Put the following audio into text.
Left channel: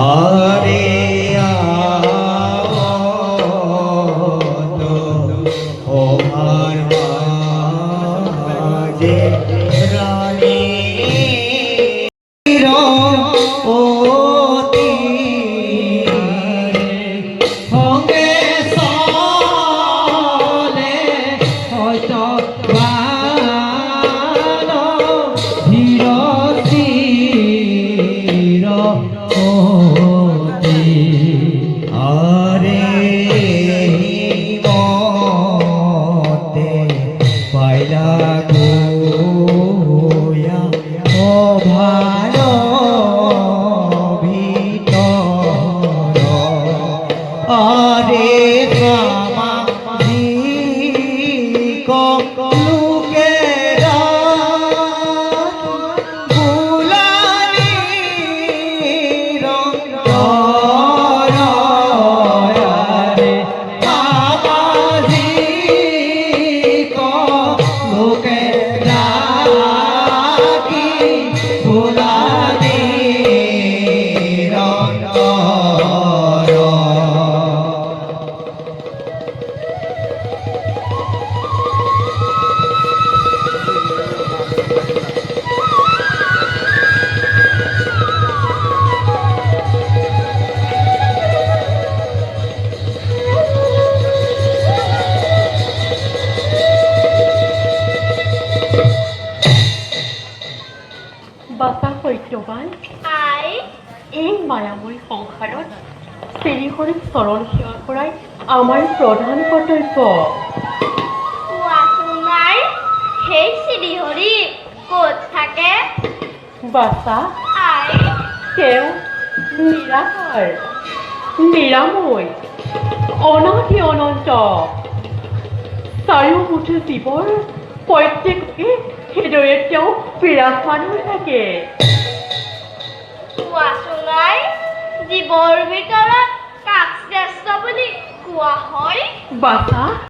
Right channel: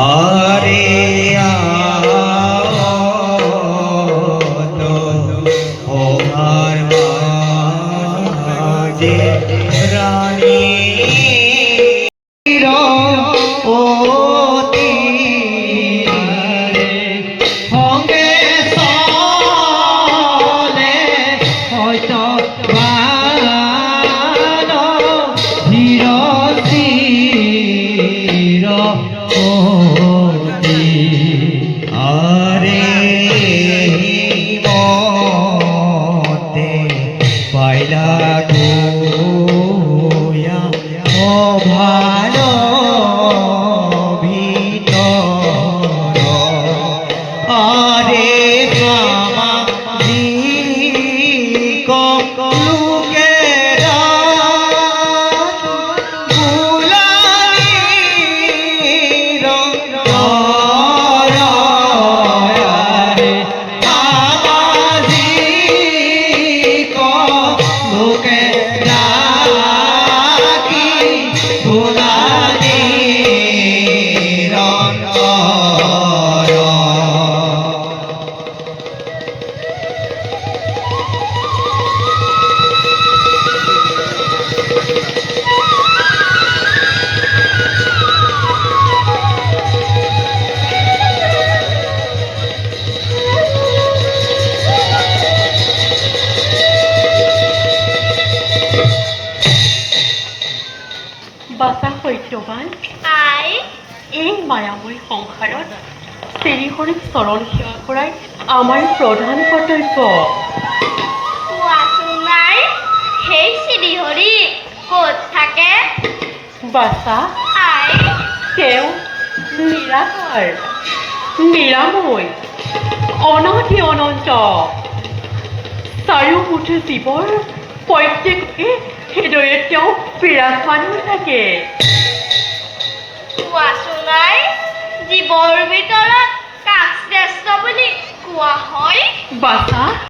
আরে ওহার মাঝে রানী অতি সঙ্গে চলে হয়তো ভালো ধীর স্থির অতি আরে মতে পাইলা গোয়া ও ভালো ভিতর আরে সামাজিক লোকেরা বুলানির আরে সামাজিক লোকেরা কি বুলানির বাছা সত্যবান আই এই মায়াময় সংসাৰত শ্ৰীহৰিক চৰণ সেৱা কৰাই আমাৰ প্ৰধান কৰ্তব্য। কোৱাচোন নাই সেই শ্ৰীহৰি ক'ত থাকে? বাছা আই তেওঁ নিৰাকাৰ নিৰাময় অনাদি অনন্ত চাৰিওমুঠে জীৱৰ প্ৰত্যেককে সেইদৰে তেওঁ বিৰাজমান হৈ থাকে। কোৱাচোন নাই জীৱৰ ভিতৰত কাক শ্ৰেষ্ঠ বুলি কোৱা হয়? বাছা